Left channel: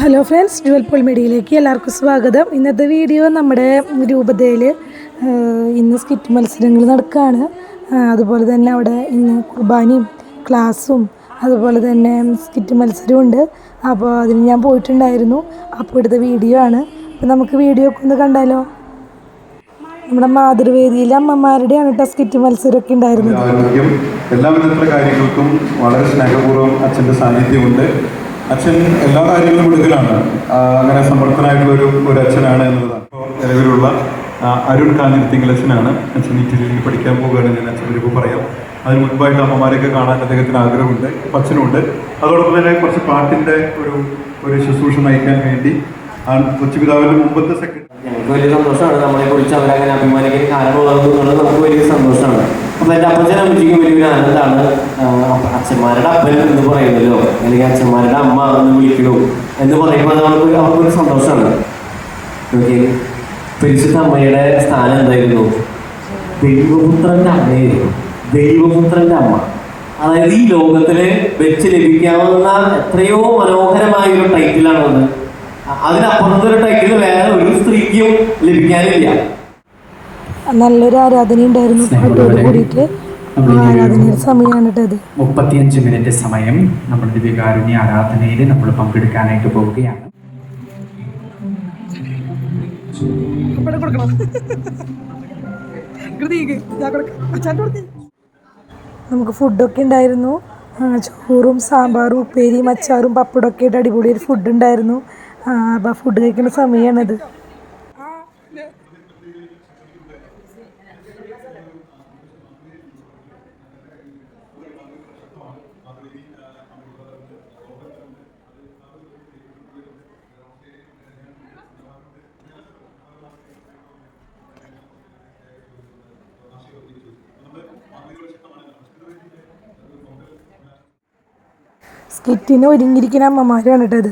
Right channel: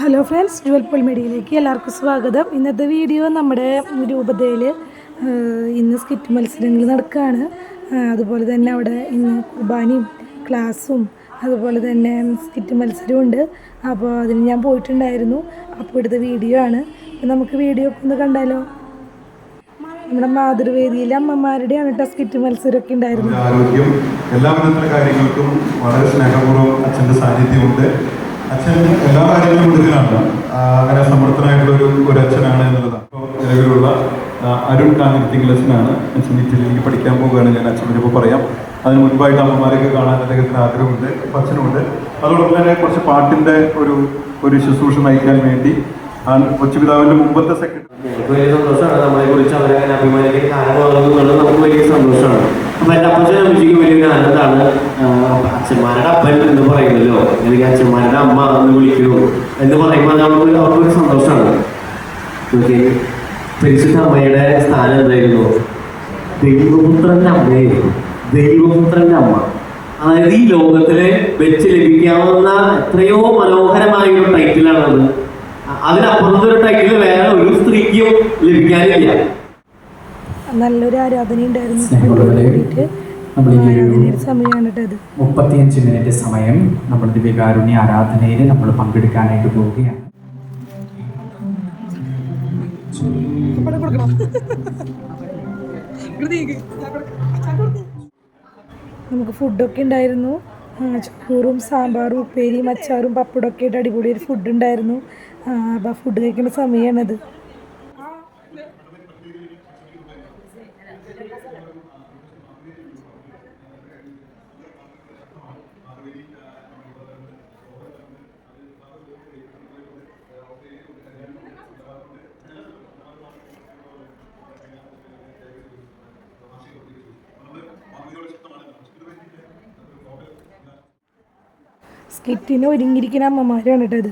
Hello friends Jual Paul മീഡിയയിലേക്ക് എല്ലാവർക്കും സ്വാഗതം. ഇന്നത്തെ വീഡിയോ നമ്മുടെ രൂപതയിൽ ഇന്ന് സ്കിറ്റ് മത്സരങ്ങൾ നടക്കുകയാണ് അതുപോലെ തന്നെ അവിടെ ഇന്ന് കുർബാനയും ക്ലാസ്സും അതുപോലെ തന്നെ സ്കിറ്റ് മത്സരവും ഉണ്ട്. അപ്പോൾ അതിന് ഞാൻ പോയിട്ടുണ്ടായിരുന്നു. അപ്പോൾ ഇവിടുത്തെ വീഡിയോ ആണ്. നമുക്ക് വീഡിയോ ഒക്കെ ഒന്ന് കണ്ടാലോ? നമ്മുടെ മാതൃവേദിയിലെ അമ്മമാരുടെയാണ് കേട്ടോ സ്കിറ്റ് മത്സരമൊക്കെ ഉണ്ടായിരുന്നത്. എല്ലാ കാര്യങ്ങൾക്കും വളരെ സ്നേഹപൂർവം അച്ഛന്റെ സാന്നിധ്യമുണ്ട്. അച്ഛൻ എല്ലാ കാര്യങ്ങളും കൊടുക്കലാണ് അങ്ങനെ സമർത്ഥനായിട്ടുള്ള ഒരു ഒരു അച്ഛനാണ് എന്നുള്ളതാണ് ഇപ്പോൾ നിലവിലുള്ള അരുൺ അരുൺ കാഞ്ഞിരത്തിങ്കലച്ഛനാണ് അച്ഛൻ ഇറ്റലിയിൽ പഠിക്കാൻ പോവുകയാണ് ഞാൻ അച്ഛൻ ഇപ്പോൾ പറയാം. അതിന് മുൻപായിട്ട് അമ്മമാരെയൊക്കെ കാണാൻ അദ്ദേഹത്തിന് ആഗ്രഹമുണ്ട് അച്ഛനുണ്ട് അതോടൊപ്പം തന്നെ കുറച്ച് പാട്ടിന്റെ ഒരു ഒരു ശുശ്രൂഷ നയിക്കാൻ വേണ്ടി ആ കൊച്ചുപിതാവിന്റെ മുമ്പത്തെ സെക്രട്ടറി വലിയ സന്തോഷമാണ്. നമ്മളെ കുറിച്ച് അവരങ്ങനെ അഭിമാനിക്കാൻ കാരണമാകുന്നു എന്നുള്ളത് നമുക്ക് വലിയ സന്തോഷമാണ്. അപ്പൊ എന്റെ അപ്പച്ചനും വലിയൊരു ആനന്ദമാണ് ആഹ് അച്ഛന്മാരുടെ അപ്പൻ എന്ന് പറയുന്നല്ലോ അല്ലെങ്കിൽ അച്ഛന്മാരുടെ അമ്മ എന്ന് വിളിക്കൂ എന്ന് പറയുമ്പോൾ നമുക്ക് അവർക്കൊരു സന്തോഷമാണ്. ഓക്കെ പരിശുദ്ധ അമ്മയുടെ സ്ഥാനം എന്തായിരുന്നു? ദൈവപുത്രന്റെ അമ്മയായിരുന്നു. ദൈവപുത്രന്റെ അമ്മ. അതായത് ഈ ലോകത്തിൽ വെച്ച് ലഭിക്കാവുന്ന എത്രയോ മനോഹരമായ ഒരു ടൈറ്റിലാണെന്ന് അതിനപ്പുറത്തൊരു ടൈറ്റിൽ വേറെ ഒരു സ്ത്രീക്കും ലഭിക്കാനില്ല. നല്ലൊരു ആരാധന ഉണ്ടായിരുന്നു കൂടിയിട്ട് മുപ്പത്തിയഞ്ച് മിനിറ്റ് സമയം നമ്മൾ ദിവ്യകാരുണ്യ ആരാധനയിൽ നമ്മൾ പങ്കെടുക്കാനായിട്ട് പോവുകയാണ്. നമുക്ക് ഫുഡൊക്കെ ഉണ്ടായിരുന്നു. ചോറും സാമ്പാറും ഉപ്പേരിയും അച്ചാറും പപ്പടമൊക്കെ ആയിട്ട് അടിപൊളി ഒരു ഫുഡ് ഉണ്ടായിരുന്നു അപ്പോൾ ഫുഡ് കഴിക്കുന്ന സമയമാണിത്. സ്കിറ്റിന് ഒരുങ്ങിയിരിക്കുന്ന അമ്മമാരാണ് ഇട്ടത്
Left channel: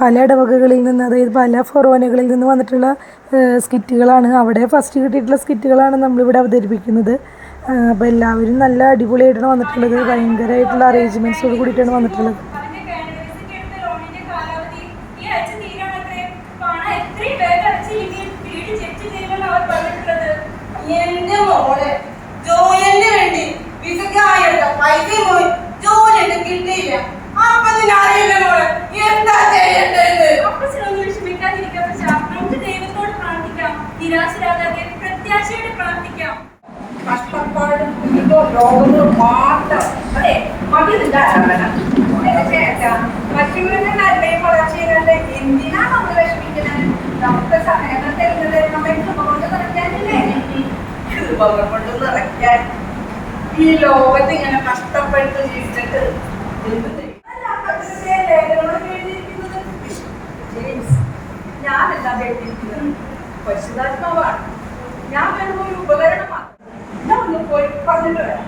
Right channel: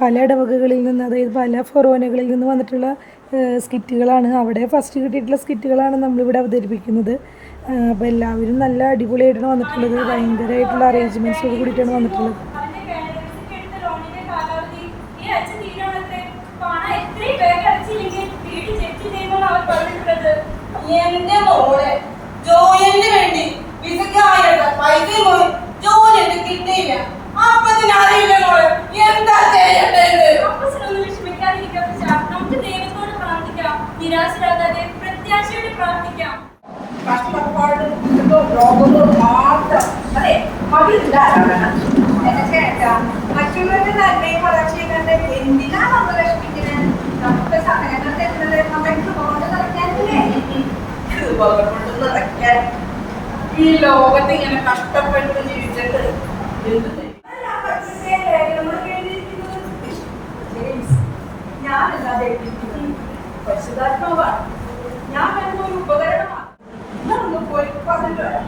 പല ഇടവകകളിൽ നിന്ന് അതായത് പല ഫൊറോനകളിൽ നിന്ന് വന്നിട്ടുള്ള സ്കിറ്റുകളാണ്. അവിടെ ഫസ്റ്റ് കിട്ടിയിട്ടുള്ള സ്കിറ്റുകളാണ് നമ്മളിവിടെ അവതരിപ്പിക്കുന്നത്. അപ്പോൾ എല്ലാവരും നല്ല അടിപൊളിയായിട്ടാണ് വന്നിട്ടുള്ളത്. ഭയങ്കരമായിട്ടുള്ള അറേഞ്ച്മെന്റ്സോട് കൂടിയിട്ടാണ് വന്നിട്ടുള്ളത്. എന്റെ മോളെ ജോലിന് വേണ്ടി പൈസ പോയി. ഒന്നും കിട്ടിയില്ല. അപ്പത്തിന് അറിയില്ല മോളെ. എന്താ ചെയ്യേണ്ടത്? അപ്പച്ചനൊന്നും വിഷമിക്കാതിരിക്കാം അപ്പച്ചാ. നമുക്ക് ദൈവത്തോട് പ്രാർത്ഥിക്കാം. നിരാശരാകാതെ പ്രത്യാശയോടെ പ്രാർത്ഥിക്കാം. കഷ്ടപ്പാട് ഇതോ രോഗങ്ങൾ മാത്രം. അതെ ചേട്ടാ മറ്റുള്ളവരുടെ നന്മയും വളർച്ചയും കണ്ട് എന്തിനാ നമ്മൾ വിഷമിക്കുന്നത്? നമുക്ക് സമയം തരുന്നത് നമ്മളെ കൃപ കൊണ്ട് നിറയ്ക്കാനില്ലേ കൃപകൾ കൊണ്ട് നിറയ്ക്കാൻ ഈ ലോകത്ത് ഇങ്ങനെ കഷ്ടപ്പെട്ട് ജീവിച്ചിട്ട് പരിശുദ്ധാത്മാവാണ്. ഞാൻ വരുമ്പോ ഒരു ഉപകരണമാണ് ഞാൻ ഒന്ന് പോയി പറഞ്ഞിട്ട് വരാം.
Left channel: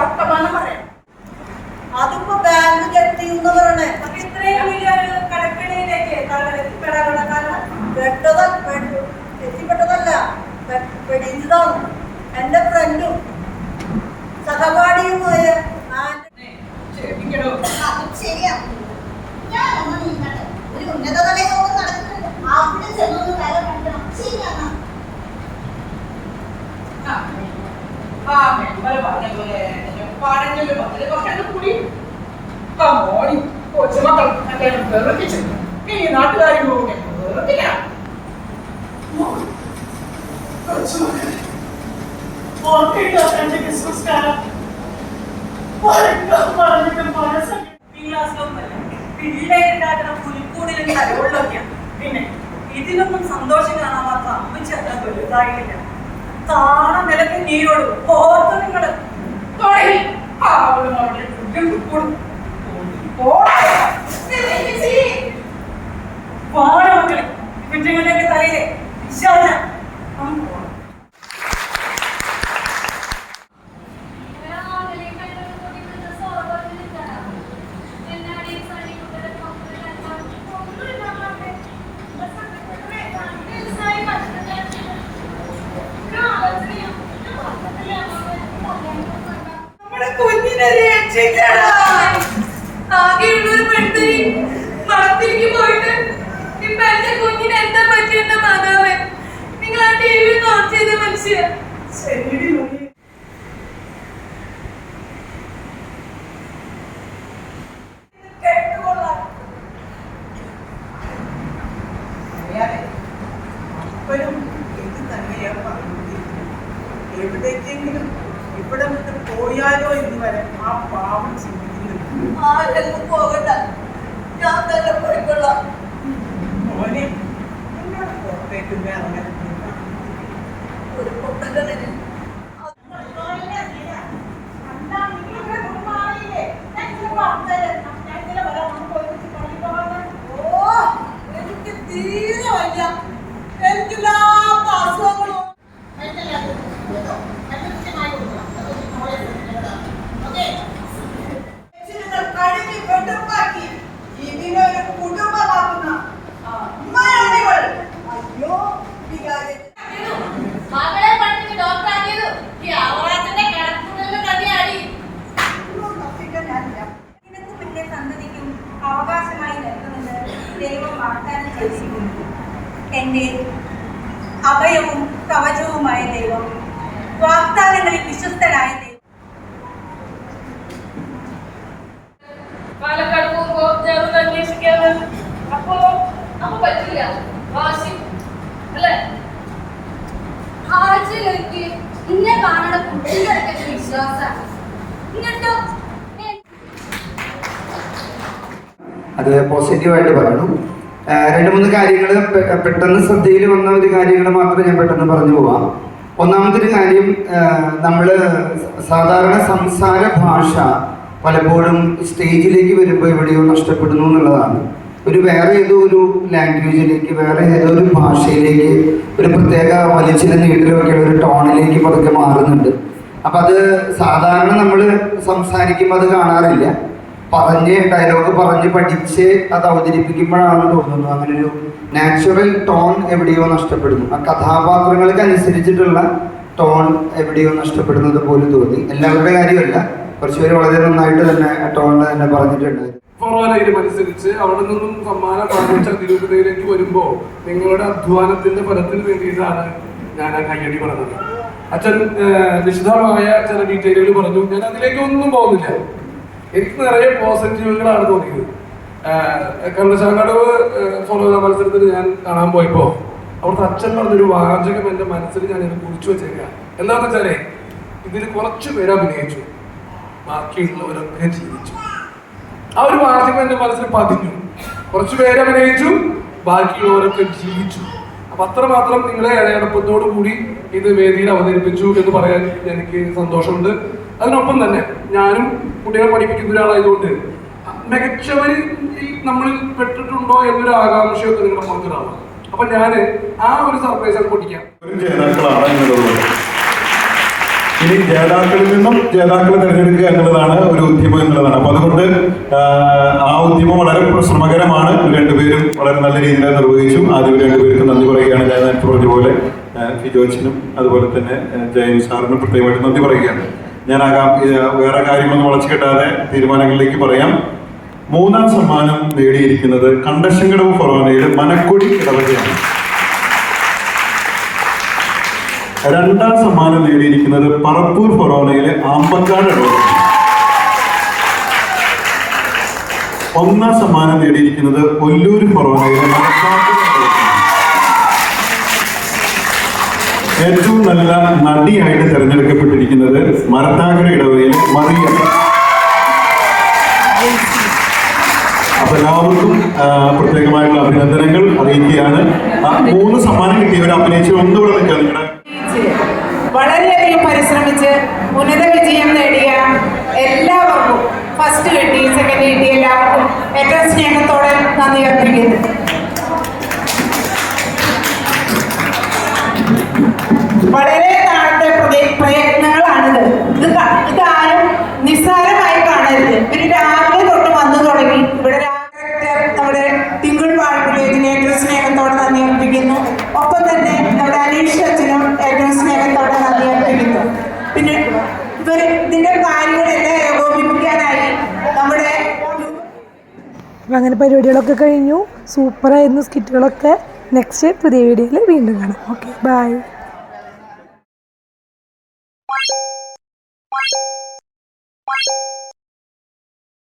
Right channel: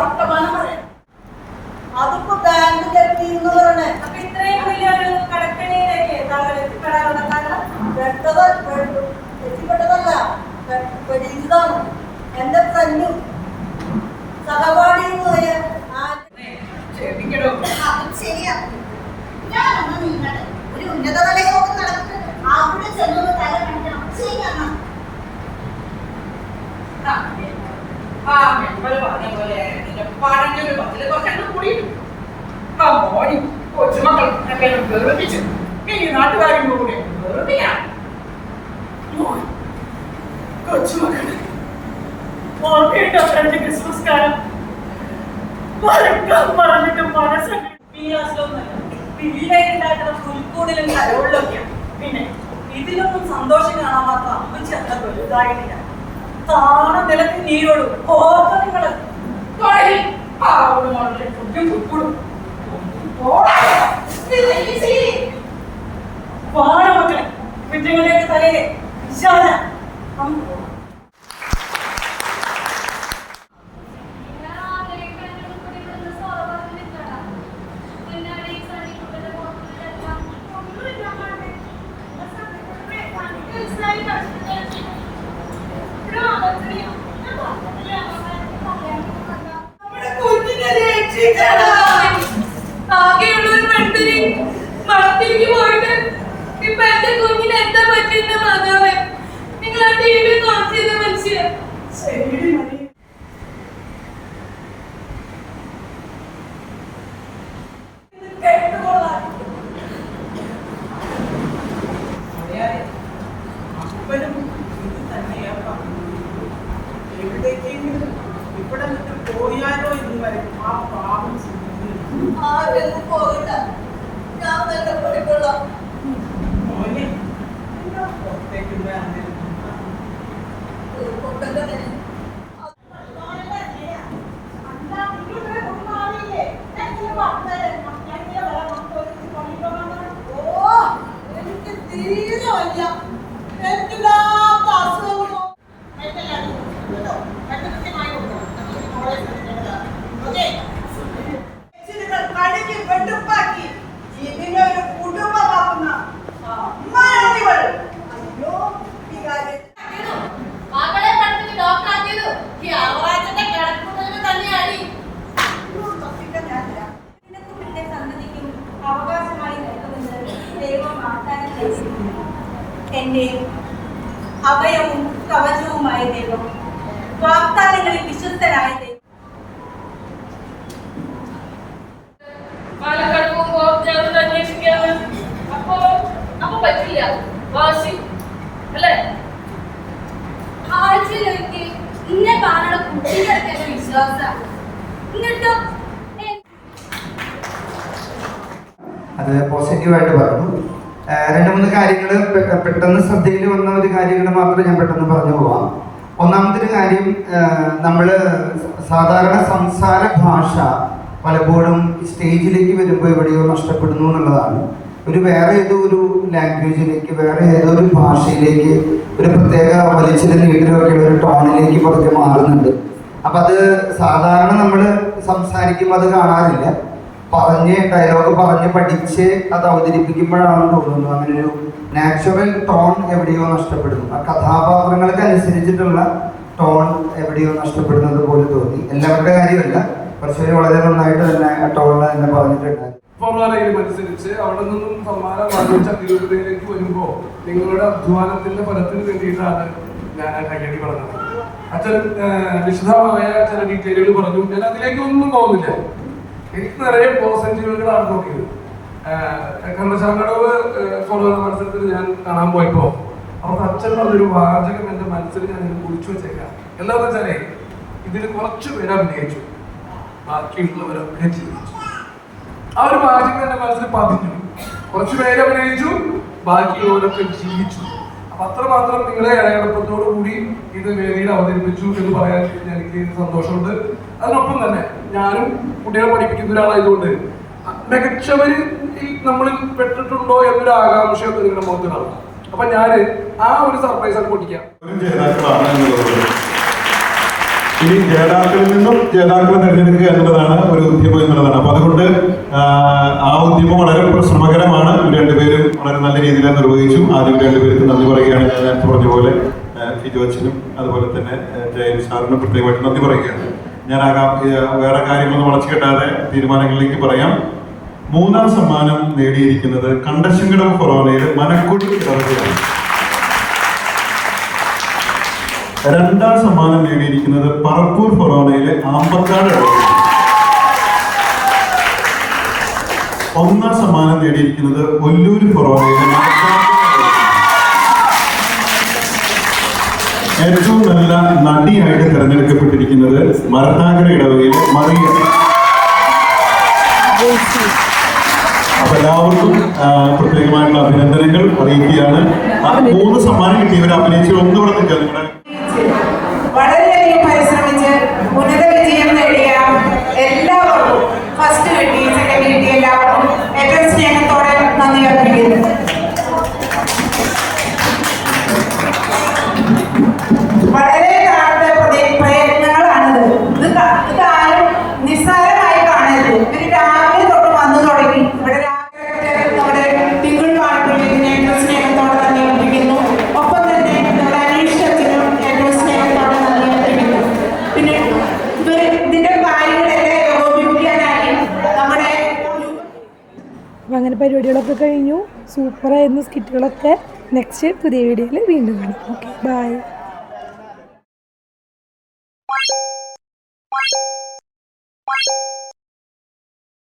വർത്തമാനം പറയണം അതിപ്പോ ബാങ്ക് ജപ്തി എന്ന് പറയണേ അപ്പൊ ഇത്രയും വലിയൊരു കടക്കണിയിലേക്ക് എത്തിപ്പെടാനുള്ള കാരണം പെട്ടത പെട്ടു എത്തിപ്പെട്ടതല്ല പെ- പെടിഞ്ഞതാണ് എന്റെ ഫ്രണ്ടും സഹപാഠിയുമായ പോയ ശരിയാ. നീങ്ങട്ടെ. ഒരു ഉന്നതതല യോഗം നടന്നിട്ടുണ്ട്. അവിടെ ചെന്നൊന്ന് തല കാണിക്കണം. ശരിയാ ആ മെമ്പർ പറഞ്ഞ പോലെ എന്റെ പത്തിന് പത്തിൽ കുറച്ചു കൂടി ആ മോനി കൊച്ചുമക്കൾ ഒക്കെ വെറുപ്പിച്ചു ഇനി നാട്ടുകാരും കൂടെ വെറുപ്പിക്കണം മോൻ, കൊച്ചുമക്കളെ ഓർമ്മയുണ്ടോ ഫ്രണ്ട് ക്രിസ്മസ് കാലം പറഞ്ഞിട്ടും മനസ്സൊക്കെ പിള്ളേരുണ്ടാക്കുന്ന പുലിക്കൂടിലും കരോളിലൊക്കെയാണ് പിന്നെ ഇതിലൊന്നും സന്തോഷം കാണാൻ മാത്രം അമ്മച്ചി അത്ര വലുതായിട്ടില്ല. താണ നിലയ്ക്ക് നീരോടും. ഓർത്ത് നിങ്ങൾ? തുടങ്ങി പാവങ്ങളുടെ ഫുഡും ഫുഡും പാട. മക്കളെ. കുഞ്ഞുങ്ങളുടെയൊക്കെ തലയിലെ. വിശാല നമുക്ക് ഒരു എന്റെ എന്താ നിങ്ങൾ എവിടേക്കെങ്കിലും ഇവിടെ വിട്ട് പോയാലോ എന്ന് വരെ ആ പാവം ചിന്തിക്കുന്നുണ്ട് പോകണ്ട. ഞാൻ തന്നെ പോയിക്കൊള്ളാം. മോനെ എന്നോട് പുറത്തേക്ക് ഇറങ്ങാൻ ഒരു ദൈവം വാഗ്ദാനം ചെയ്തിരിക്കുന്നു. എന്റെ അഭയവും കവചവുമായ ദൈവം വാഗ്ദാനങ്ങളിൽ വിശ്വസ്തനായ ദൈവം. പാലക്കാട് പോകുമ്പോ ഞാൻ ഒന്ന് അന്വേഷിക്കാന്ന് അപ്പോ അപ്പൊ പറ്റില്ല. വാശി. അല്ലേ? ആഴ്ചയിലൊരിക്കൽ ഇന്നെ കാണണ കുട്ടിയുടെ എന്റെ എന്നിട്ടോ അത് പോസിറ്റീവായിട്ട് പറഞ്ഞു രണ്ട് മൂന്ന് കാര്യങ്ങൾ പെട്ടെന്ന് ശ്രദ്ധയിൽ വന്ന ഒരു കാര്യങ്ങൾ മാത്രമേ ഞാൻ പെട്ടെന്ന് പറഞ്ഞു പോവാം. ഒന്നാമത്തെ കാര്യം നമ്മൾ സാധാരണ സംസാര ഭാഷ പലപ്പോഴും സ്റ്റേജിലേക്ക് വരുമ്പോൾ എവിടെയോ നഷ്ടപ്പെടുന്നു എന്നുള്ളതാണ്. ഒരു വേറെ ഏതോ ഒരു ലാംഗ്വേജിലേക്ക് വേറെ ഏതോ ഒരു ഭാഷയിലേക്ക് ഒരു പ്രത്യേക വലിച്ചിലെ നീട്ടിലൊക്കെയുള്ള ഒരു ടോണിലേക്ക് പതുക്കെ മാറുന്നുണ്ട്. അപ്പം അത് സാധാരണ നമ്മൾ സംസാരിക്കുമ്പോൾ അത് കാണാറില്ല. പറഞ്ഞ് ഡയലോഗ് പറഞ്ഞ് പഠിച്ച് അത് അവതരിപ്പിക്കുമ്പോഴാണ് തോന്നുന്നു അങ്ങനെ ഒരു നാച്ചുറൽ ടോൺ എവിടെയോ നഷ്ടപ്പെടുന്നു. ആ കഥാപാത്രങ്ങൾക്ക് അനുസരിച്ചിട്ടുള്ള ടോൺ എവിടെയോ നഷ്ടപ്പെടുന്നത് പോലെ തോന്നി. എല്ലാവരുടെ കാര്യമല്ല. കുറച്ച് പേര് വളരെ നന്നായിട്ട് തന്നെ ടോൺ തന്നെ പറഞ്ഞിട്ടുണ്ട് ഫോർമാലയിൽ അനുസരിച്ച് അവിടെ നിന്നും സമ്മാനം വാങ്ങിച്ച തിരുവനന്തപുരത്തേക്ക് നിങ്ങളുടെ അധ്വാനത്തിന്റെ ഫലത്തിന് വേണ്ടിയിട്ടാണ് ഞാൻ ആ കയ്യടി പറഞ്ഞത്. അച്ഛൻ വിശദമായ ചില ഡീറ്റെയിലുകൾ പറഞ്ഞു. ഞാൻ അതിലേക്ക് ഒന്നും പോകുന്നില്ല എനിക്ക് നിറയെ പോസിറ്റീവുകളാണ് തോന്നിയത്. കണ്ണശാങ്കടവ് ഫോളോ മത്സരത്തിൽ ഞാൻ കാണാൻ പോയപ്പോ അവിടുത്തെ അച്ഛൻ പറഞ്ഞൊരു വാചകം എന്റെ മനസ്സിൽ ഞാൻ ഇത് കുറിച്ചു വെച്ചേക്കാം. എന്താണെന്ന് വെച്ചാലേ ഇതിൽ കുറച്ചു പേര് അഭിനയിച്ചു. ബാക്കിയുള്ളവരൊക്കെ ജീവിച്ചു. ആ ഒരു വാചകം എന്റെ മനസ്സിൽ പതിഞ്ഞു. കുറച്ചു പേര് അഭിനയിച്ചു ബാക്കിയുള്ളവരൊക്കെ ജീവിച്ചു. അപ്പൊ അത്രമാത്രം നിങ്ങളെ ഇടയടപ്പത്തോടു കൂടി ഇത് വേദിയിൽ അവതരിപ്പിച്ചു എന്ന് പറയാൻ എനിക്ക് സന്തോഷമുണ്ട്. അതിനൊപ്പം തന്നെ ഞാനും കുട്ടികളെ പഠിപ്പിക്കുന്ന ഒരാളായതുകൊണ്ട് മികച്ചവര് ഈ നമ്മളിൽ പെട്ടിട്ടുണ്ടോ എന്നൊരു ആകാംക്ഷയൊക്കെ നിങ്ങളുടെ മുഖത്ത് കാണാം അപ്പൊ ഞാൻ ആ ഒരു സർപ്രൈസ് ഒക്കെ പൊട്ടിക്കാം. ഇനി ജേതാക്കളിൽ നിന്നും ജേതാക്കളെ തിരഞ്ഞെടുക്കുക എന്നുള്ളതാണ് ഒരു ഉദ്യമം എന്നുള്ളതാണ്. അപ്പൊ അതുകൊണ്ട് ആ, ഉദ്യമം വളരെ ശ്രമകരമാണ് രണ്ടുപേരും വളരെ നല്ല രീതിയിൽ നിർവഹിച്ചു. ആദ്യം രണ്ടുപേർക്കും നന്ദി പറയുകയാണ്. ഞാൻ പറഞ്ഞ പോലെ ആ, ഫിജോ അതുപോലെ തന്നെ ജയൻ സാറിനും പ്രത്യേകമായിട്ട് നന്ദി പറയുകയാണ്. ആ വേറെ കാര്യങ്ങളൊന്നും വളച്ചു കെട്ടാതെ തീരുമാനങ്ങളിലേക്ക് പറയാം. മൂന്നാം സമ്മാനം നേടിയിരിക്കുന്നത് കണ്ടശങ്കടവ് ഫൊറോനയിലെ മനക്കുടി ഇടവകയാണ്. രണ്ടാം സമ്മാനം നേടിയിരിക്കുന്നത് പറപ്പൂർ ഫൊറോണയിലെ ആമ്പക്കാട് ഒന്നാം സമ്മാനം നേടിയിരിക്കുന്നത് ഒല്ലൂർ ഫൊറോണയിലെ മണക്കാട്ട് ഏറ്റവും നല്ല നടിയായിട്ട് തിരഞ്ഞെടുക്കപ്പെട്ടിരിക്കുന്നത് മരത്താങ്കര ഇടവയിൽ മറിയ. അപ്പൊ എല്ലാവർക്കും പ്രത്യേകമായിട്ടുള്ള അഭിനന്ദനങ്ങൾ അറിയിക്കുകയാണ്. മൂന്ന് സമ്മാനം കിട്ടിയവർ അഭിനയിച്ച് ഒന്നുകൂടെ നിൽക്കുക അപ്പം ഇതിന്റെ അങ്ങനെ പരിപാടികളൊക്കെ കഴിഞ്ഞു. സൂപ്പറായിരുന്നു സ്കിറ്റുകളൊക്കെ. നെക്സ്റ്റ് പുതിയ വീഡിയോയിൽ വീണ്ടും കാണാം. Okay bye